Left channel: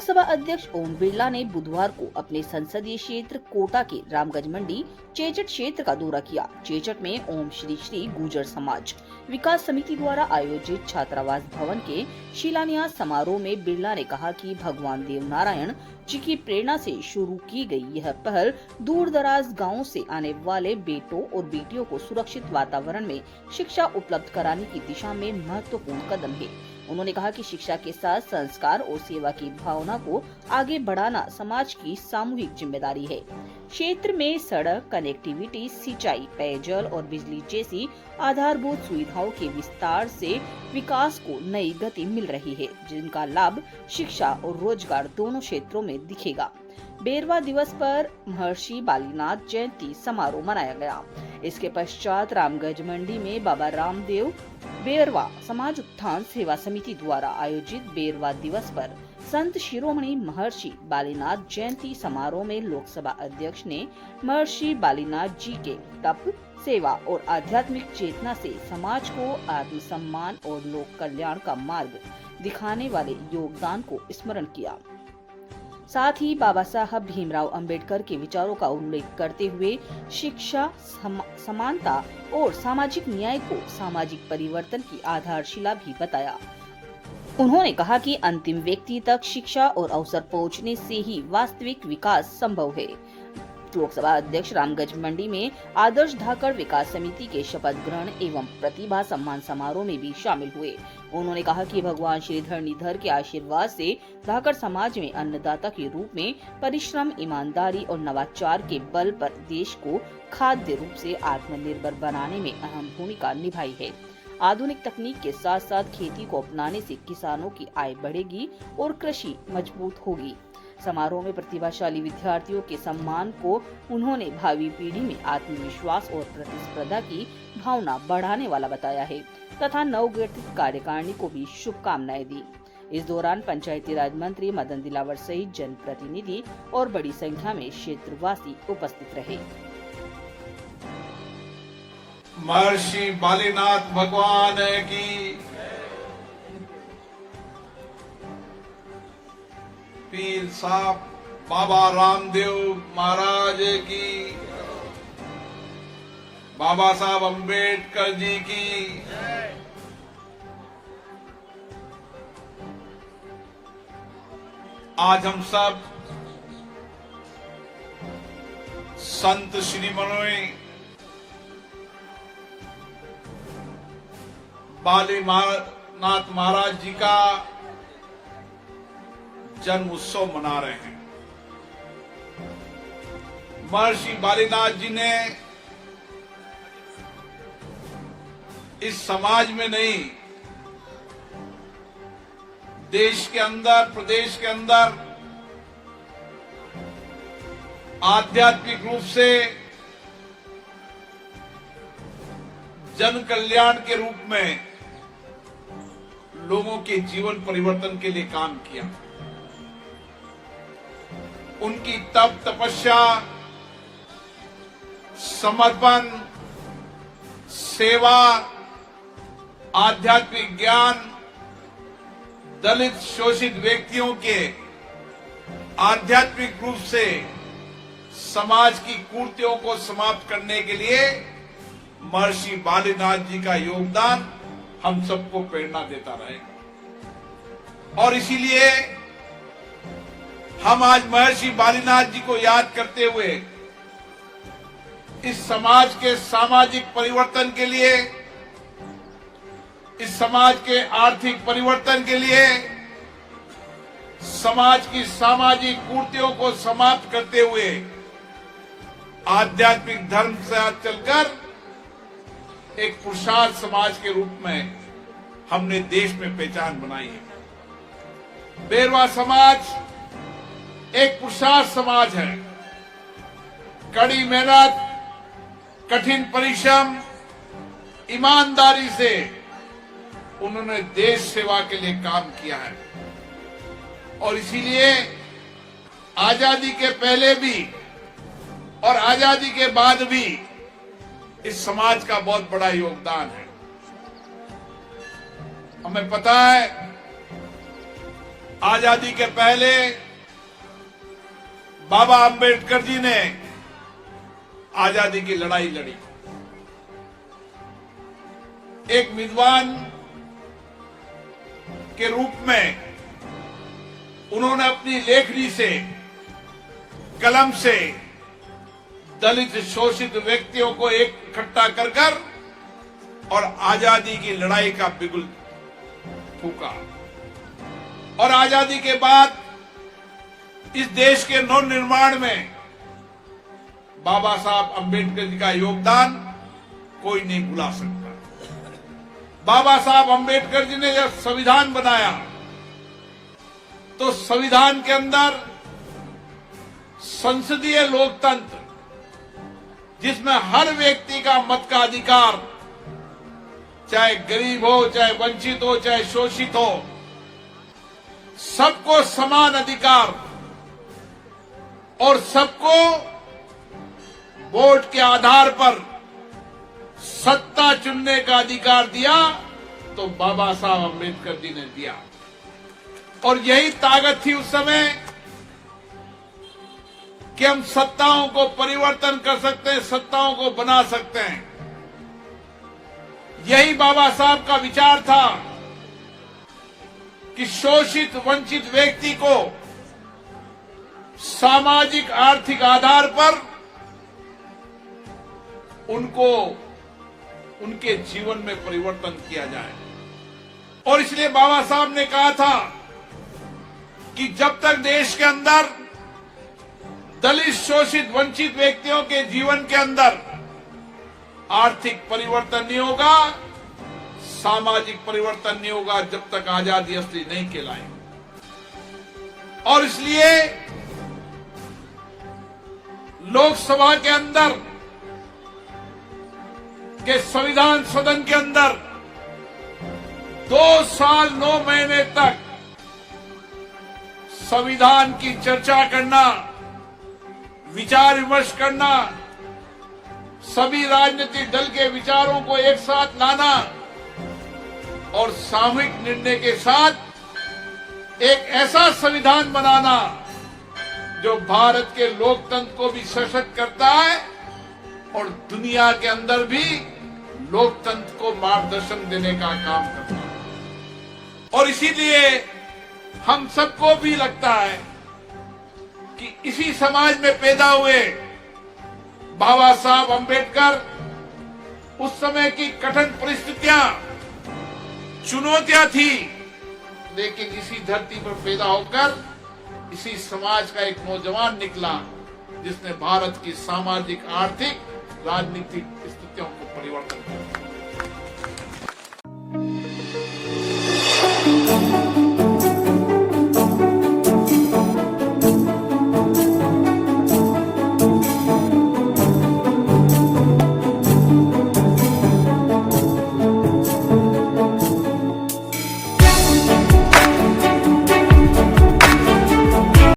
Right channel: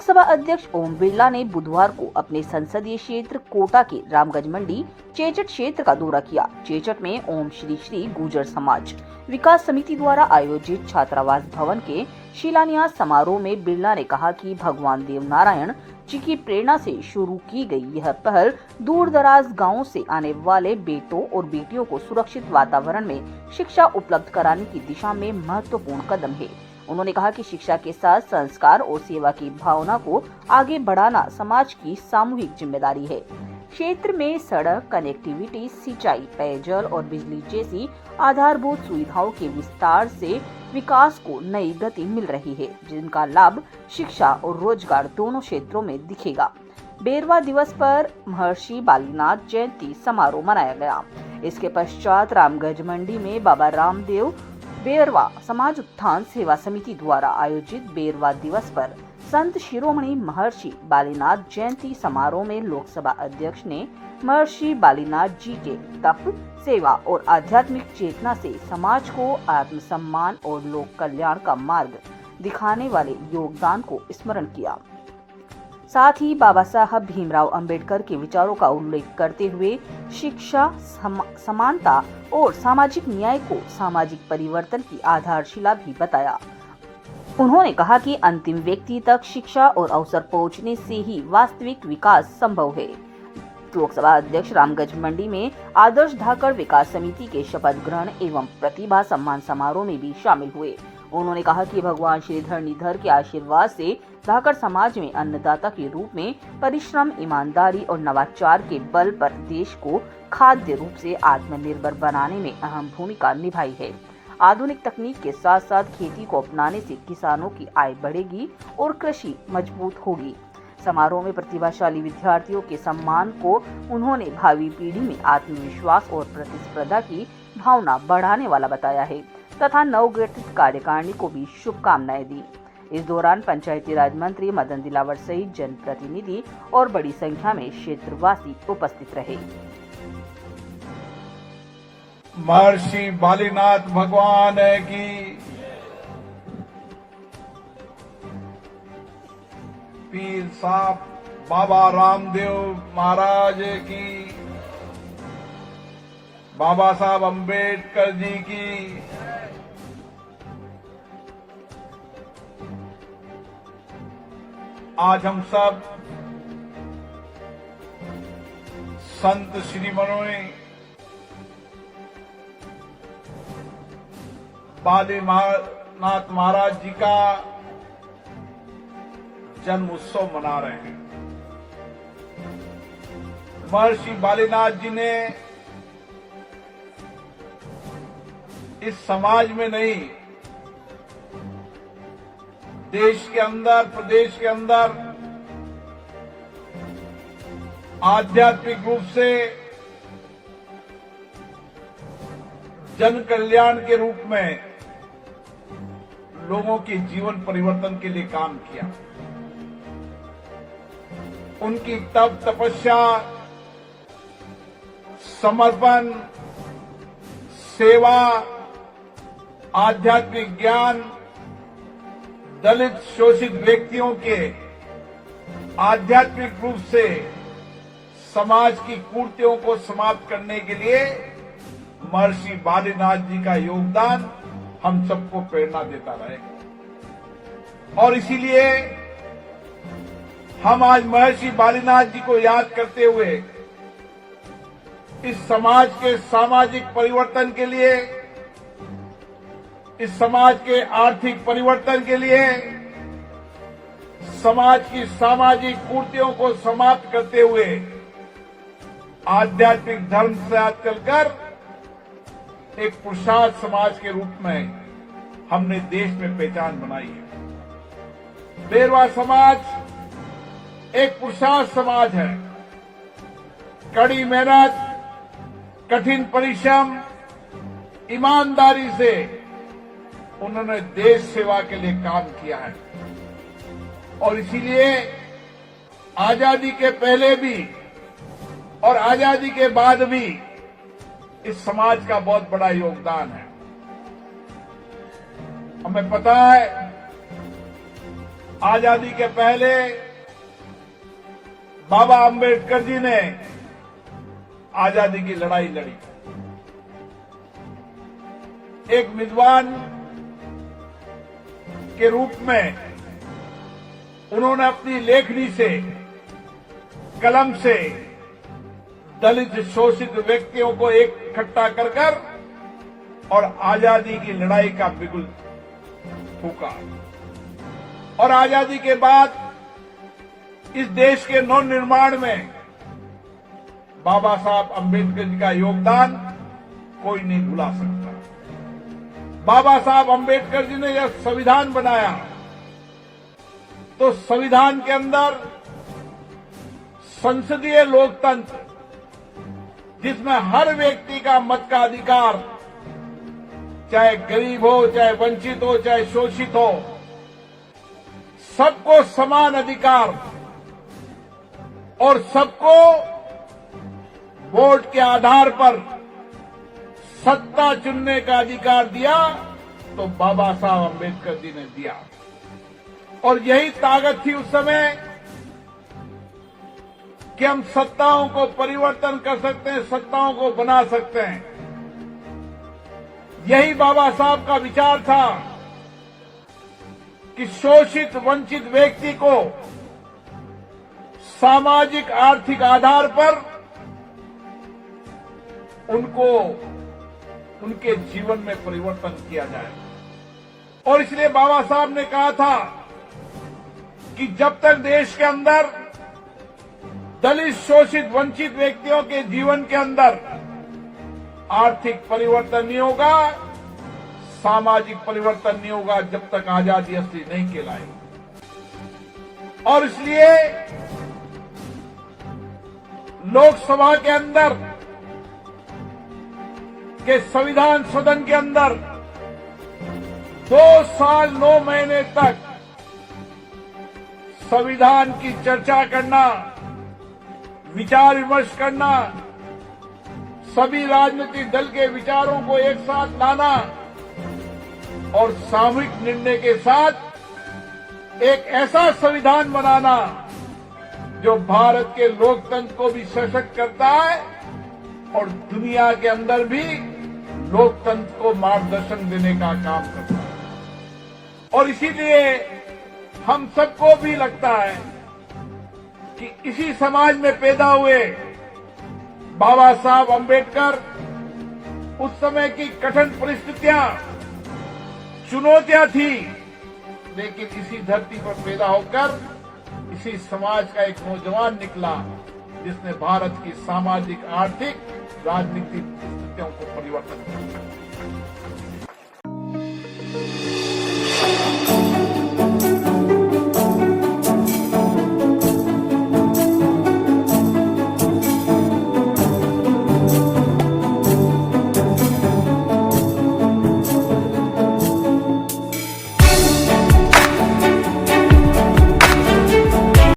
लोकसभा अध्यक्ष ओम बिरला ने बुधवार को अपने संसदीय क्षेत्र कोटा के रामगंज मंडी चेचट क्षेत्र का दौरा किया। चेचट में ओम श्री श्री गुर्जर समाज विकास समिति द्वारा आयोजित छात्रावास भवन के शिलान्यास समारोह में बिरला ने कहा कि भगवान देव नारायण जी की प्रेरणा से शुरू की गई यह पहल दूर दराज गाँवों से आने वाले बेटों और बेटियों को सुरक्षित वातावरण में शिक्षा उपलब्ध कराने की दिशा में महत्वपूर्ण कदम है। उन्होंने कहा कि शिक्षा के साथ संस्कार और सेवा की भावना को आगे बढ़ाना समाज की सामूहिक जिम्मेदारी है। क्षेत्र में सड़क, कनेक्टिविटी, सिंचाई, पेयजल और बिजली जैसी आधारभूत सुविधाओं के विस्तार से विकास को नई गति मिल रही है, जिनका लाभ शिक्षा और रोजगार दोनों क्षेत्रों में दिखेगा। बेरवा दिवस पर महर्षि बालीनाथ जयंती समारोह मनाया गया। इसके पश्चात रामगंज मंडी में बाबा रामदेव बेरवा समाज उत्थान सेवा समिति द्वारा आयोजित बेरवा दिवस पर संत शिरोमणि महर्षि बालीनाथ जयंती समारोह में लोकसभा अध्यक्ष ने महर्षि बालीनाथ जी के तप, सेवा और आध्यात्मिक चेतना से समाज को आत्मसम्मान और लोक कल्याण का मार्ग दिखाने वाले योगदान को स्मरण किया। साथ ही बाबा साहब भीमराव अंबेडकर के विचारों का उल्लेख करते हुए शिक्षा, समानता और सामाजिक न्याय को सामाजिक परिवर्तन की आधारशिला भी बताया। उन्होंने कहा कि अंतिम व्यक्ति तक शिक्षा और अवसर पहुंचने से ही वास्तविक विकास संभव है। लोकसभा अध्यक्ष रामगंज मंडी में आदर्श धाकड़ विकास समिति के शपथ ग्रहण एवं प्रतिभा सम्मान समारोह में भी शामिल हुए। उन्होंने कहा कि भगवान श्री धरणीधर के आशीर्वाद से धाकड़ समाज में अन्नदाता के रूप में परिश्रम, ईमानदारी और नवाचार के बल पर देश को खाद्य रूप से आत्मनिर्भर बनाने में अहम भूमिका निभाई है। आधुनिक तकनीक के साथ साथ खेती को अपनाने से किसानों की आय बढ़ेगी और कृषि मजबूत होगी। समारोह में प्रतिभाशाली विद्यार्थियों के सम्मान को उन्होंने भावी पीढ़ी में आत्मविश्वास और प्रतिस्पर्धा की भावना बढ़ाने वाला बताया है तथा नवगठित कार्यकारिणी को भी शुभकामनाएं दी। इस दौरान पंचायती राज मंत्री मदन दिलावर सहित जनप्रतिनिधि और बड़ी संख्या में क्षेत्रवासी उपस्थित रहे। महर्षि बालीनाथ भगवान की, पीर साहब बाबा रामदेव महाराज की, बाबा साहब अंबेडकर जी की, आज हम सब संत श्रीमणि बालीनाथ महाराज जी का जन्म उत्सव मना रहे हैं। महर्षि बालीनाथ जी ने इस समाज में नहीं, देश के अंदर, प्रदेश के अंदर आध्यात्मिक रूप से जन कल्याण के रूप में लोगों के जीवन परिवर्तन के लिए काम किया। उनकी तप, तपस्या, समर्पण, सेवा, आध्यात्मिक ज्ञान, दलित शोषित व्यक्तियों के आध्यात्मिक रूप से समाज की कुरीतियों को समाप्त करने के लिए महर्षि बालीनाथ जी का योगदान हम सबको प्रेरणा देता रहेगा। और इसीलिए हम आज महर्षि बालीनाथ जी को याद करते हुए इस समाज के सामाजिक परिवर्तन के लिए, इस समाज के आर्थिक परिवर्तन के लिए, समाज की सामाजिक कुरीतियों को समाप्त करते हुए आध्यात्मिक धर्म से चलकर एक पुरुषार्थ समाज के रूप में हमने देश में पहचान बनाई है। बेरवा समाज एक पुरुषार्थ समाज है। कड़ी मेहनत, कठिन परिश्रम, ईमानदारी से उन्होंने देश सेवा के लिए काम किया है और इसीलिए आजादी के पहले भी और आजादी के बाद भी इस समाज का बहुत बड़ा योगदान है। हमें पता है आजादी के पहले बाबा अंबेडकर जी ने आजादी की लड़ाई लड़ी। एक विद्वान के रूप में उन्होंने अपनी लेखनी से, कलम से दलित शोषित व्यक्तियों को इकट्ठा कर और आजादी की लड़ाई का बिगुल फूका। और आजादी के बाद इस देश के नव निर्माण में बाबा साहब अंबेडकर जी का योगदान कोई नहीं भुला सकता। बाबा साहब अंबेडकर जी ने जब संविधान बनाया तो संविधान के अंदर संसदीय लोकतंत्र, जिसमें हर व्यक्ति का मत का अधिकार, चाहे गरीब हो, चाहे वंचित हो, चाहे शोषित हो, सबको समान अधिकार और सबको वोट के आधार पर सत्ता चुनने का अधिकार दिया, तो बाबा साहब अंबेडकर जी ने दिया। और यही ताकत थी उस समय कि हम सत्ताओं को परिवर्तन कर सकते हैं, सत्ताओं को बना सकते हैं। यही बाबा साहब का विचार था कि शोषित वंचित व्यक्ति को सामाजिक आर्थिक आधार पर उनको उनके जीवन में परिवर्तन किया जाए। और इसलिए बाबा साहब ने कहा था कि जब तक देश के अंदर दलित शोषित वंचित व्यक्तियों के जीवन के अंदर आर्थिक परिवर्तन नहीं होगा, सामाजिक परिवर्तन नहीं होगा, जब तक आजादी असली नहीं कहलाएगी। और इसलिए लोकसभा के अंदर के संविधान सदन के अंदर 2 साल 9 महीने तक संविधान की चर्चा करना, विचार विमर्श करना, सभी राजनीतिक दल के विचारों को एक साथ लाना और सामूहिक निर्णय के साथ एक ऐसा संविधान बनाना जो भारत के लोकतंत्र को भी सशक्त करता है और दुनिया के अंदर भी लोकतंत्र को मार्गदर्शन देने का काम करता है। और इसीलिए हम सबको भी लगता है कि इसी समाज में पैदा हुए बाबा साहब अंबेडकर उस समय की कठिन परिस्थितियां, चुनौतियां थी, लेकिन इसी धरती पर पैदा होकर इसी समाज का एक नौजवान निकला जिसने भारत की सामाजिक, आर्थिक, राजनीतिक स्थितियों को परिवर्तन किया।